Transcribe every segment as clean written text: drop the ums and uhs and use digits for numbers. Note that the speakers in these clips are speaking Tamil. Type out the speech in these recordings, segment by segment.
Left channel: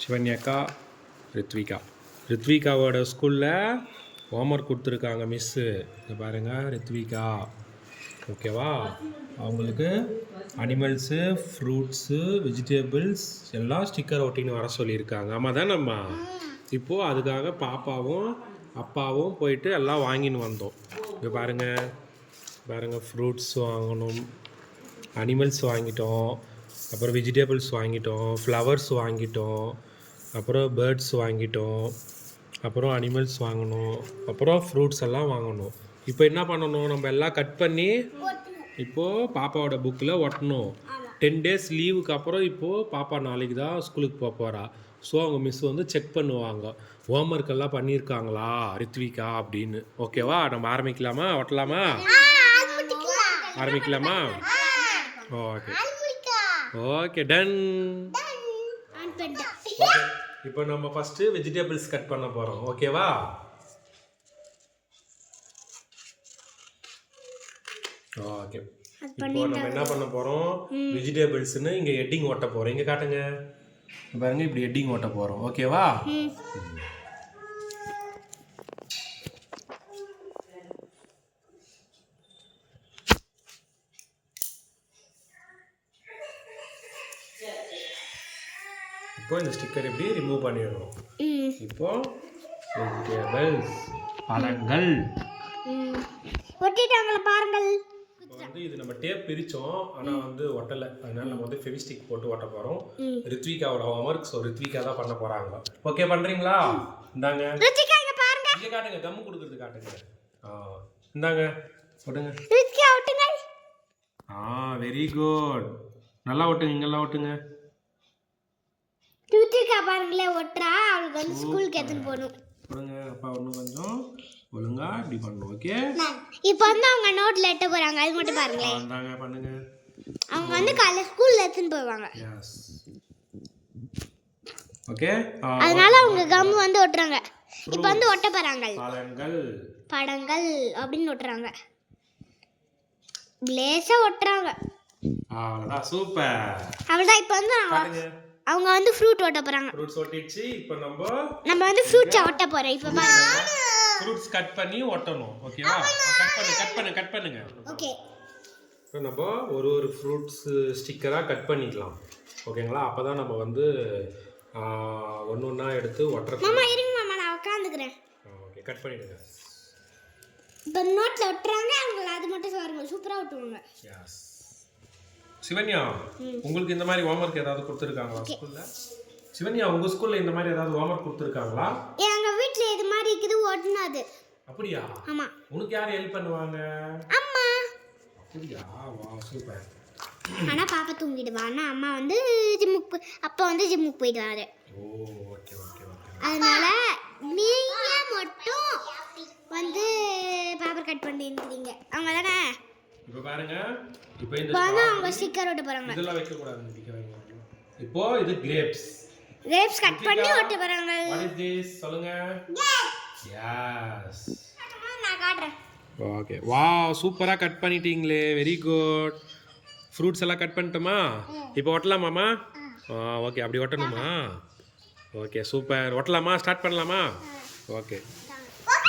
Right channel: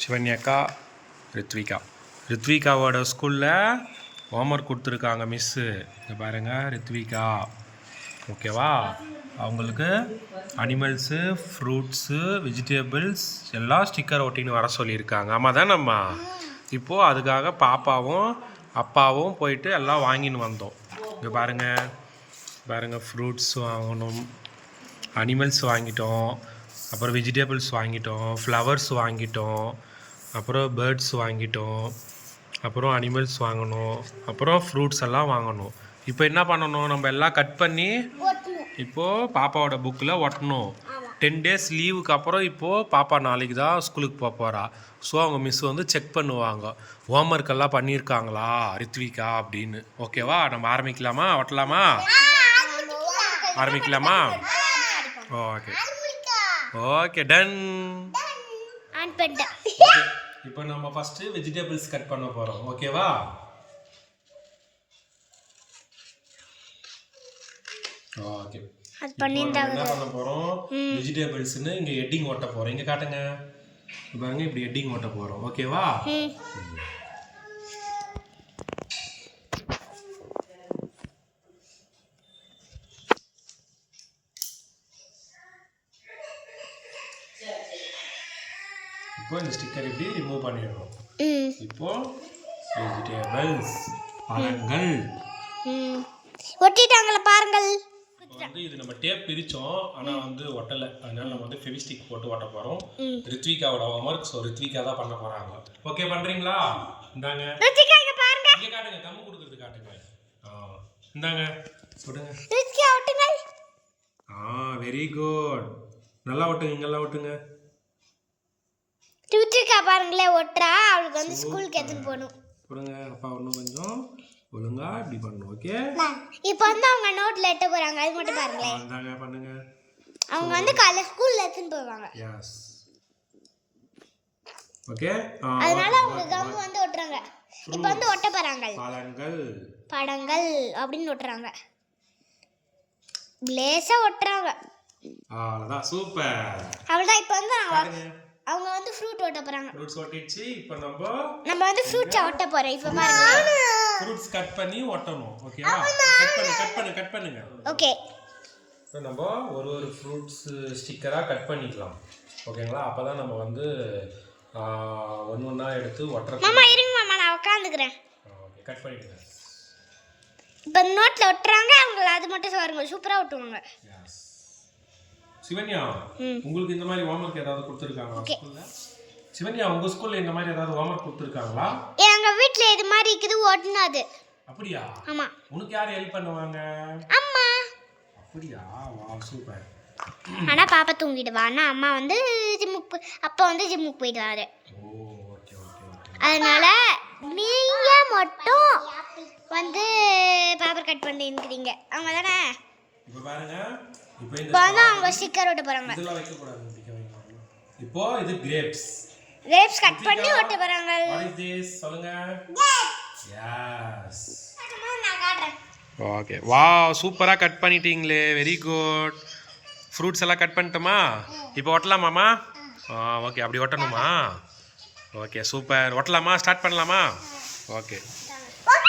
சிவன்யாக்கா, ரித்விகாவோட ஸ்கூலில் ஹோம்ஒர்க் கொடுத்துருக்காங்க மிஸ்ஸு. இங்கே பாருங்கள் ரித்விகா, ஓகேவா? அவங்களுக்கு அனிமல்ஸு, ஃப்ரூட்ஸு, வெஜிடபிள்ஸ் எல்லாம் ஸ்டிக்கர் ஒட்டின்னு வர சொல்லியிருக்காங்க. ஆமாம் தானம்மா? இப்போது அதுக்காக பாப்பாவும் அப்பாவும் போயிட்டு எல்லாம் வாங்கின்னு வந்தோம். இங்கே பாருங்கள் ஃப்ரூட்ஸ் வாங்கணும், அனிமல்ஸ் வாங்கிட்டோம், அப்புறம் வெஜிடபிள்ஸ் வாங்கிட்டோம், ஃப்ளவர்ஸ் வாங்கிட்டோம், அப்புறம் பேர்ட்ஸ் வாங்கிட்டோம், அப்புறம் அனிமல்ஸ் வாங்கணும், அப்புறம் ஃப்ரூட்ஸ் எல்லாம் வாங்கணும். இப்போ என்ன பண்ணணும், நம்ம எல்லாம் கட் பண்ணி இப்போது பாப்பாவோட புக்கில் ஒட்டணும். 10 days லீவுக்கு அப்புறம் இப்போது பாப்பா நாளைக்கு தான் ஸ்கூலுக்கு போக போகிறா. ஸோ அவங்க மிஸ் வந்து செக் பண்ணுவாங்க, ஹோம்ஒர்க் எல்லாம் பண்ணியிருக்காங்களா ரித்விகா அப்படின்னு. ஓகேவா? நம்ம ஆரம்பிக்கலாமா? ஒட்டலாமா? ஆரம்பிக்கலாமா? Okay okay, ton. ஓகே, இப்போ நம்ம ஃபஸ்ட்டு வெஜிடபிள்ஸ் கட் பண்ண போகிறோம். ஓகேவா? ஓகே, என்ன பண்ண போகிறோம், வெஜிடபிள்ஸ்னு இங்கே ஹெட்டிங் ஓட்ட போகிறோம். இங்கே காட்டுங்க பாருங்க, இப்படி ஹெட்டிங் ஓட்ட போகிறோம். ஓகேவா? இப்போ இந்த ஸ்டிக்கர் இப்படி ரிமூவ் பண்ணிடணும். இப்போ வெஜிடபிள்ஸ், பழங்கள் ஒட்டிட்டாங்களா பாருங்கள். வந்து இது நம்ம டேப் பிரிச்சோம், ஆனா வந்து ஒட்டல. அதனால நம்ம வந்து ஃபெவிஸ்டிக் போட்டு ஒட்ட போறோம். ரித்விகாவோட ஹோம்ஒர்க், சோ ரித்விகா தான் பண்ண போறாங்க. ஓகே, பண்றீங்களா? இந்தாங்க ரித்விகா, இங்க பாருங்க. இங்க காட்டுங்க, கம் கொடுக்கிறது காட்டுங்க. இந்தாங்க ஒட்டுங்க. ரித்விகா ஒட்டுங்க. Very good. நல்லா ஒட்டுங்க, இங்கெல்லாம் ஒட்டுங்க. ரித்விகா பாருங்களே ஒட்றா. அவளுக்கு வந்து ஸ்கூலுக்கு எடுத்துட்டு போகணும். போடுங்க, அப்பா இன்னும் கொஞ்சம் ஒழுங்கா இப்படி பண்ணணும். ஓகே, இப்போ வந்து அவங்க நோட்ல எட்ட போறாங்க, அது மட்டும் பாருங்களே. இந்தாங்க பண்ணுங்க. அவங்க வந்து காலைல ஸ்கூல்ல எடுத்துட்டு போவாங்க. Yes, okay. அதனால அவங்க கம் வந்து ஒட்டுறாங்க. இப்போ வந்து ஒட்ட போறாங்க. படங்கள் அப்படின்னு ஒட்டுறாங்க. லேசா ஒட்டுறாங்க. அவ்வளவுதான், சூப்பர். அவ்வளவுதான். இப்போ வந்து அவங்க வந்து ஃப்ரூட் ஒட்ட போறாங்க. ஃப்ரூட்ஸ் ஒட்டிச்சு. இப்போ நம்ம வந்து ஃப்ரூட்ஸ் ஒட்ட போறோம். இப்போ பாருங்க, ஃப்ரூட்ஸ் கட் பண்ணி ஒட்டணும். ஓகேவா? கட் பண்ணுங்க. ஓகே, இப்போ நம்ம ஒரு ஃப்ரூட்ஸ் ஸ்டிக்கரா கட் பண்ணிக்கலாம். ஓகேங்களா? அப்பதான் நம்ம வந்து ஒண்ணா எடுத்து ஒட்டற. மாமா இருங்க மாமா, நான் உட்கார்ந்துக்கிறேன். ஓகே, கட் பண்ணிடுங்க. இப்போ நோட்ல ஒட்டுறாங்க. அவங்க அது மட்டும் பாருங்க, சூப்பரா ஒட்டுவாங்க. எஸ். சிவன்யா, உங்களுக்கு இந்த மாதிரி ஹோம்ஒர்க் ஏதாவது கொடுத்துருக்காங்களா ஸ்கூல்ல? சிவன்யா, உங்க ஸ்கூல்ல இந்த மாதிரி ஏதாவது ஹோம்ஒர்க் கொடுத்துருக்காங்களா? எங்க வீட்ல இது மாதிரி இருக்குது ஒட்டுனது. அப்படியா? ஆமா. உனக்கு யார் ஹெல்ப் பண்ணுவாங்க? அம்மா. அப்படியா? Wow, super. ஆனா பாப்பா தூங்கிடுவா. ஆனா அம்மா வந்து அப்பா வந்து ஜிம்முக்கு போயிடுவாரு. ஓ, ஓகே. அதனால நீங்க மட்டும் வந்து பேப்பர் கட் பண்ணிருக்கீங்க. அவங்க தானே? இப்போ பாருங்க, இப்போ இந்த அவங்க ஸ்டிக்கர் ஒட்ட போறாங்க. இதெல்லாம் வைக்க கூடாது, பிடிக்க வைங்க. இப்போ இது கிரேப்ஸ் கட் பண்ணி ஒட்ட போறாங்க. வாட் இஸ் திஸ் சொல்லுங்க. எஸ், நான் காட்றேன். ஓகே, வாவ், சூப்பரா கட் பண்ணிட்டீங்களே, வெரி குட். ஃப்ரூட்ஸ் எல்லாம் கட் பண்ணிட்டோமா? இப்போ ஒட்டலாமாமா? ஓகே, அப்படி ஒட்டணுமா? Okay, super. ஒட்டலாமா? ஸ்டார்ட் பண்ணலாமா? ஓகே,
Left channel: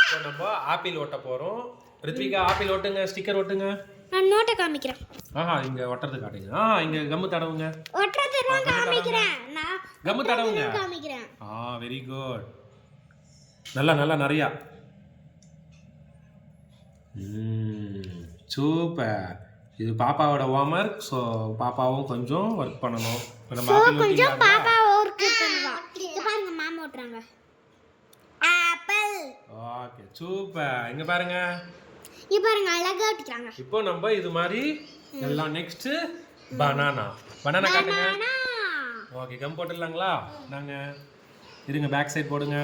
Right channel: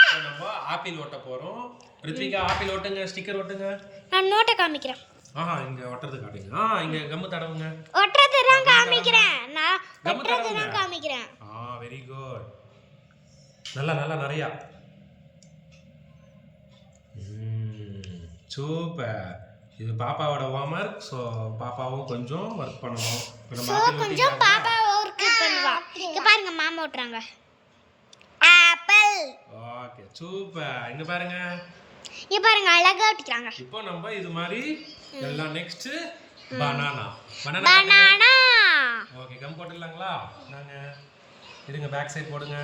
இப்போ நம்ம ஆப்பிள் ஒட்ட போறோம். ரித்விகா, ஆப்பிள் ஒட்டுங்க, ஸ்டிக்கர் ஒட்டுங்க. நான் நோட்டை காமிக்கிறேன். இங்க ஒட்டறது காட்டுங்க. இங்க கம் தடவுங்க. ஒட்டறது தான் காமிக்கிறேன். நான் ஒட்டறது தான் காமிக்கிறேன். Very good. நல்லா நிறைய. சூப்பர். இது பாப்பாவோட ஹோம்ஒர்க். ஸோ பாப்பாவும் கொஞ்சம் ஒர்க் பண்ணணும். கொஞ்சம் பாப்பா ஒர்க் பண்ணுவா. இங்க பாருங்க, மாமா ஓட்டுறாங்க. ஆப்பிள். Okay, super. இங்க பாருங்க, அழகா ஒட்டிக்கிறாங்க. இப்போ நம்ம இது மாதிரி எல்லாம். Next banana. ஓகே, கம் போட்டுடலாங்களா? நாங்க இருங்க, பேக் சைடு போடுங்க.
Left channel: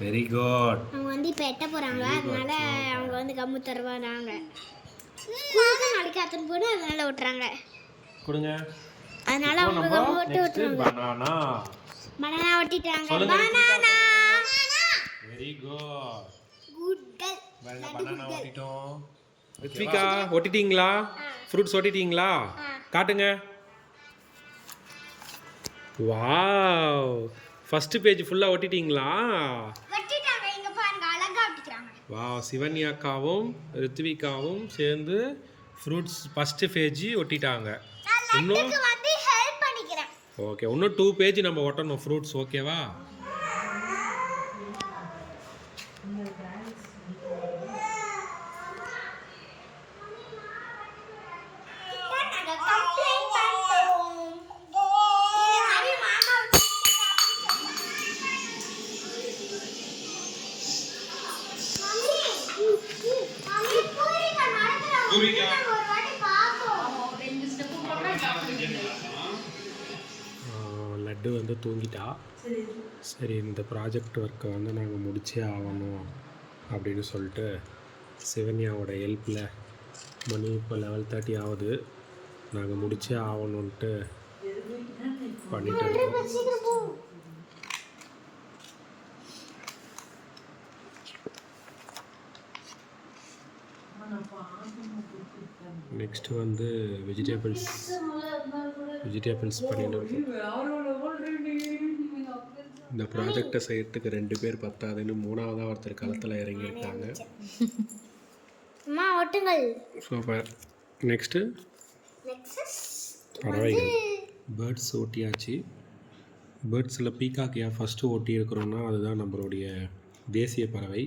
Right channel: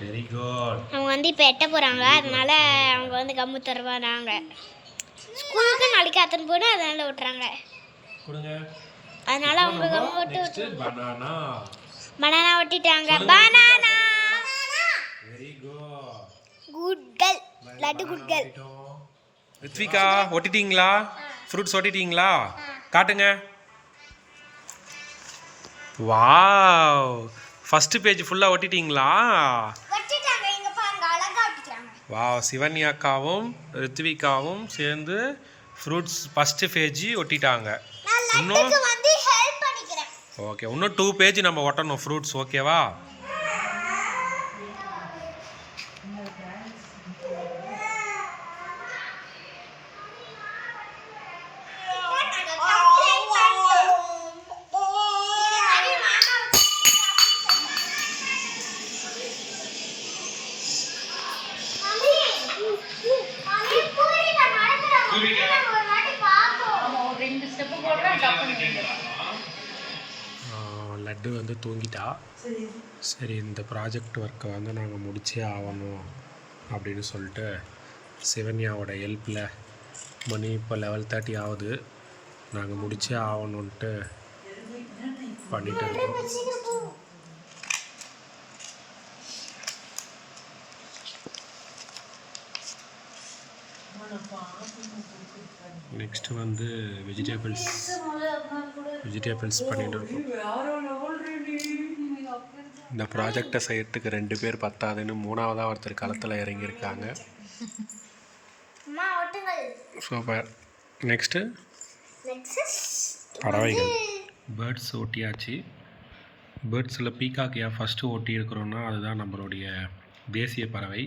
Very good. அவங்க வந்து இப்போ எட்ட போறாங்க. அதனால அவங்க வந்து கம்மு தருவாங்க. ஸ்கூலுக்கு நாளைக்கு அத்தனை போடு, அதனால ஒட்டுறாங்க. கொடுங்க. அதனால அவங்க கம்மு ஒட்டி பனானா ஒட்டிட்டாங்க. Banana. Very good. Good girl. Laddu good girl. Ritvika, ஒட்டிட்டீங்களா? ஃப்ரூட்ஸ் ஒட்டிட்டீங்களா? காட்டுங்க. வாவ், ஃபஸ்ட்டு பேஜ் ஃபுல்லாக ஒட்டிட்டீங்களா? ஒட்டிட்டாங்க, இங்க பாருங்க அழகா ஒட்டிட்டாங்க. வாவ், சிவன்யாக்காவும் ரித்விகாவும் சேர்ந்து ஃப்ரூட்ஸ் ஃபஸ்ட்டு பேஜ் ஒட்டிட்டாங்க. இன்னும் லட்டுக்கு வந்து ஹெல்ப் பண்ணிக்கிறேன். ஓகே, இன்னும் 2 பேஜ் நம்ம ஒட்டணும் ஃப்ரூட்ஸ். ஓகேவா? லட்டு வந்து தூங்கிட்டா. சரி, இந்த ப்ராஜெக்ட் ஒர்க்கை வந்து நாங்கள் முடிச்சே ஆகணும் அப்படின்னு சொல்லிட்டு சிவன்யாவோட ஹெல்ப்பில் மணி இப்போ 11:30 ஆகுது. நாங்கள் முடிச்சே ஆகணுன்ட்டு பண்ணிட்டு இருக்கோம். நெக்ஸ்ட்டு வந்து வெஜிடபிள்ஸ் பண்ணிட்டு இருக்கோம். இந்த ப்ராஜெக்டை செய்யறதுக்கு 2 பேர் பத்தாதுன்னு 3ஆவதாக ஒருத்தர் களத்தில் இறங்கியிருக்காங்க. சூப்பர். நெக்ஸ்ட்டு பறவைகள், பேர்ட்ஸ் ஒட்டியாச்சு. பேர்ட்ஸில் பீகாக் ஏன் ஃபஸ்ட்டு ஒட்டி இருக்கிறோன்னா அதுதான் நம்மளுடைய தேசிய பறவை.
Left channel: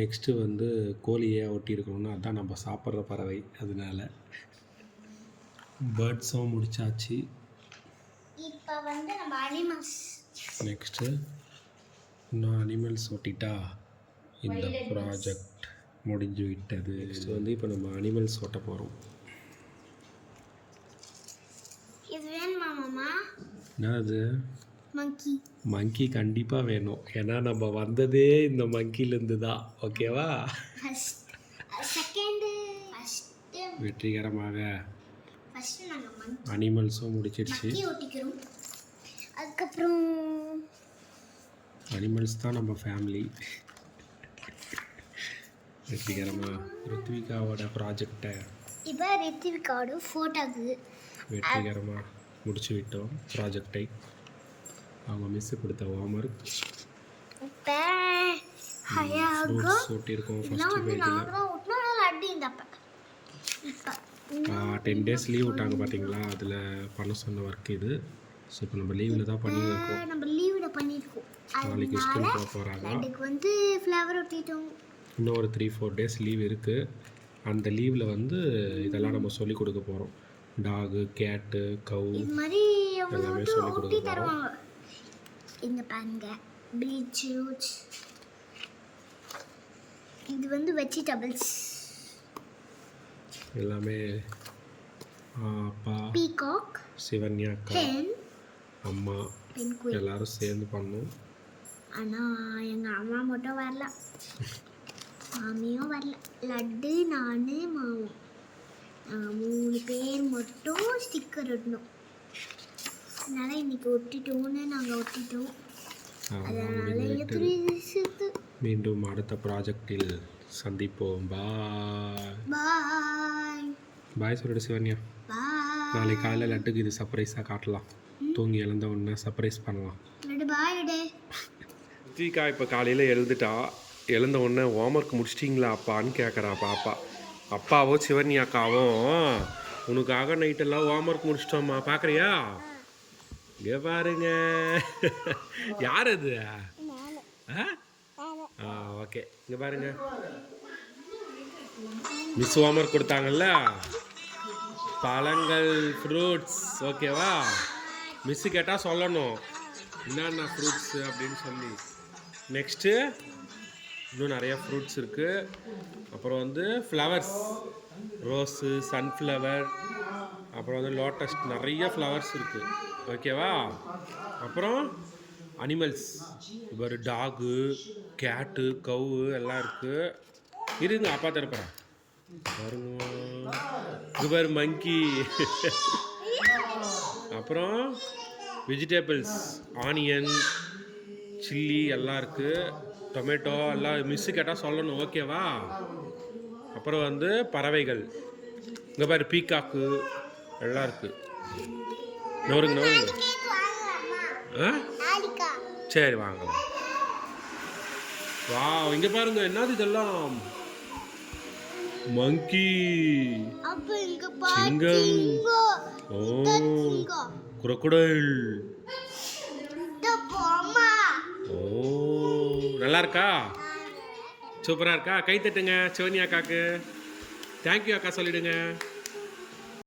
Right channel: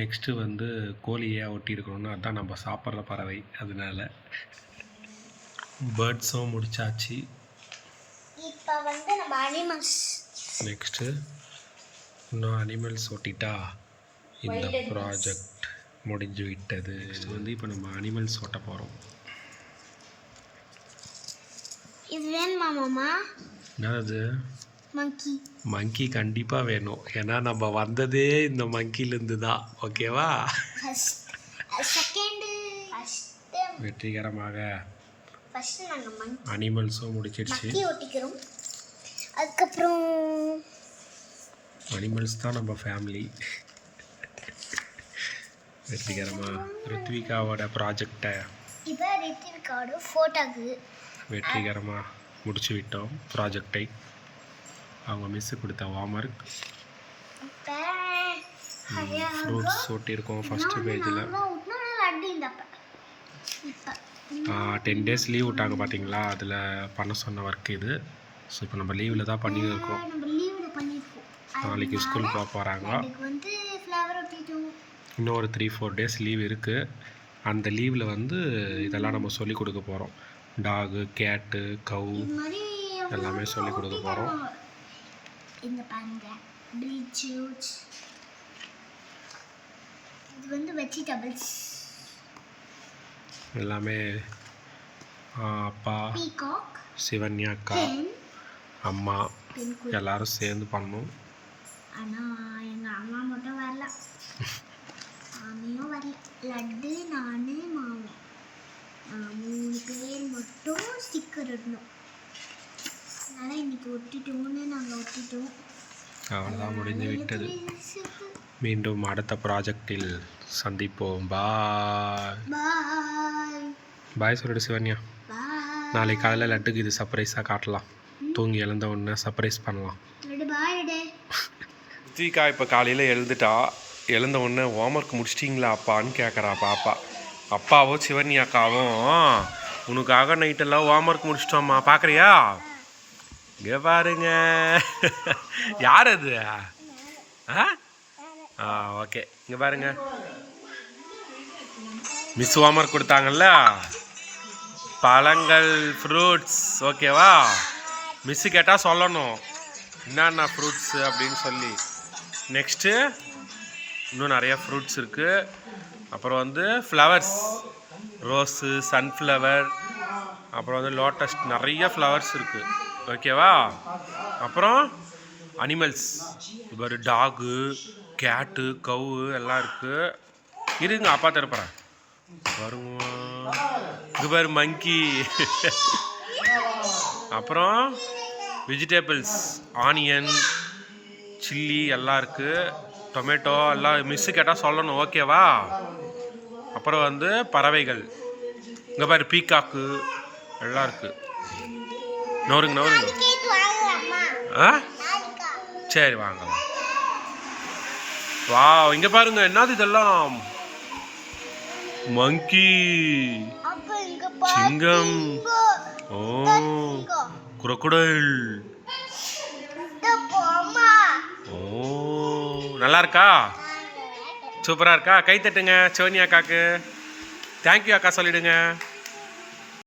நெக்ஸ்ட்டு வந்து கோழியை ஒட்டி இருக்கிறோன்னா அதுதான் நம்ம சாப்பிட்ற பறவை. அதனால பேர்ட்ஸும் முடிச்சாச்சு. இப்போ வந்து நம்ம அனிமல்ஸ். நெக்ஸ்ட்டு இன்னும் அனிமல்ஸ் ஒட்டிட்டா இந்த ப்ராஜெக்ட் முடிஞ்சு விட்டது. நெக்ஸ்ட் வந்து இப்போ நம்ம அனிமல்ஸ் ஒட்ட போகிறோம். இது வேணுமா மாமா? என்னது? மங்கி. மங்கி கண்டிப்பாக வேணும். ஏன்னா நம்ம வந்ததே இந்த மங்கிலேருந்து தான். ஓகேவா? வெற்றிகரமாக அனிமல்ஸும் முடிச்சிடுச்சு. அதுக்கப்புறம் அனிமல்ஸ் தான் நம்ம ஃபேமிலி. வெற்றிகரமாக ரித்விகாவோட ப்ராஜெக்டை இப்போ ரித்விகாவோட ஃபோட்டோக்கு வெற்றிகரமாக முடிச்சு விட்டோம். ப்ராஜெக்டை அவங்க மிஸ்ஸு கொடுத்த ஹோம்ஒர்க். ஃப்ரூட்ஸ் ஒட்டியிருக்கோம் ஃபஸ்ட்டு பேஜில். 10 days லீவ் விட்டாங்க பார்த்தீங்களா, அதில் பண்ண சொன்ன ஒர்க் இது. ஸோ இப்போ நம்ம லீவில் தான் பண்ணியிருக்கோம். நாளைக்கு ஸ்கூல் போக போகிறாங்க. இன்னும் ஒரு 3-4 days லீவ் இருக்குது. அந்த லீவில் வந்து இதெல்லாம் நம்ம சொல்லி கொடுக்க போகிறோம். டாகு, கேட்டு, கவு எல்லாமே சொல்லி கொடுக்க போகிறோம். இங்க பாருங்க, பீட்ரூட், இது வந்து வெஜிடபிள்ஸ் எல்லாமே. அப்பா, பீகாக், சிவன்யாக்கா, அம்மா எல்லாரும் சேர்ந்து பண்ணோம். ஆனால் எங்கள் அம்மா மட்டும் வரல, மாமியும் வரல. லட்டு, நான், மாமா 3 பேர் மட்டும் ஸ்டிக்கர் ஒட்டணும். அதனால் இன்னைக்கு ஒட்டிட்டோன்னு நாங்கள் ஒட்டிட்டோம். அவ்வளோதான், முடிந்து விட்டது. மீண்டும் அடுத்த ப்ராஜெக்டில் சந்திப்போம். பாய் பாய். பாய் சொல்லிடு சிவன்யா. நாளைக்கு காலையில் லட்டுக்கு இது சர்ப்ரைஸாக காட்டலாம். தூங்கி எழுந்த உடனே சர்ப்ரைஸ் பண்ணலாம். ரித்விகா இப்போ காலையில் எழுந்த உடனே ஹோம்ஒர்க் முடிச்சிட்டிங்களா அப்பான்னு கேட்குறா பாப்பா. அப்பாவும் சிவன்யாக்காவும் உனக்காக நைட்டெல்லாம் ஹோம்ஒர்க் முடிச்சிட்டோம்மா, பார்க்குறியா? இங்கே பாருங்க. யார் அது? ஓகே, இங்கே பாருங்க. மிஸ் ஹோம்ஒர்க் கொடுத்தாங்கல்ல, பழங்கள், ஃப்ரூட்ஸ். ஓகேவா? மிஸ்ஸு கேட்டால் சொல்லணும் என்னென்ன ஃப்ரூட்ஸு அப்படின்னு சொல்லி. நெக்ஸ்ட்டு இன்னும் நிறையா ஃப்ரூட்ஸ் இருக்குது. அப்புறம் வந்து ஃப்ளவர்ஸ், ரோஸு, சன்ஃப்ளவர், அப்புறம் வந்து லோட்டஸ், நிறைய ஃப்ளவர்ஸ் இருக்குது. ஓகேவா? அப்புறம் அனிமல்ஸ், இப்போ ஒரு டாகு, கேட்டு, கவு எல்லாம் இருக்குது. இருங்க, அப்பா தரப்போகிறேன் பாருங்க. இது பாரு மங்கி. அப்புறம் வெஜிடபிள்ஸ், ஆனியன், சில்லி எல்லாம் இருக்குது. டொமேட்டோ எல்லாம் மிஸ்ஸு கேட்டால் சொல்லணும். ஓகேவா? அப்புறம் வந்து பறவைகள், இங்கே பாரு பீகாக்கு எல்லாம் இருக்குது. நவருங்க. ஆ நாளைக்கா சரி வாங்கலாம். வாவ், இங்க பாருங்க என்னது இதெல்லாம்? மங்கி, அப்ப இங்க சிங்கம், ஓ crocodile, போமா ஓ நல்லா இருக்கா? சூப்பரா இருக்கா? கை தட்டுங்க சோனியா அக்காக்கு. தேங்க்யூ அக்கா சொல்லிடுங்க.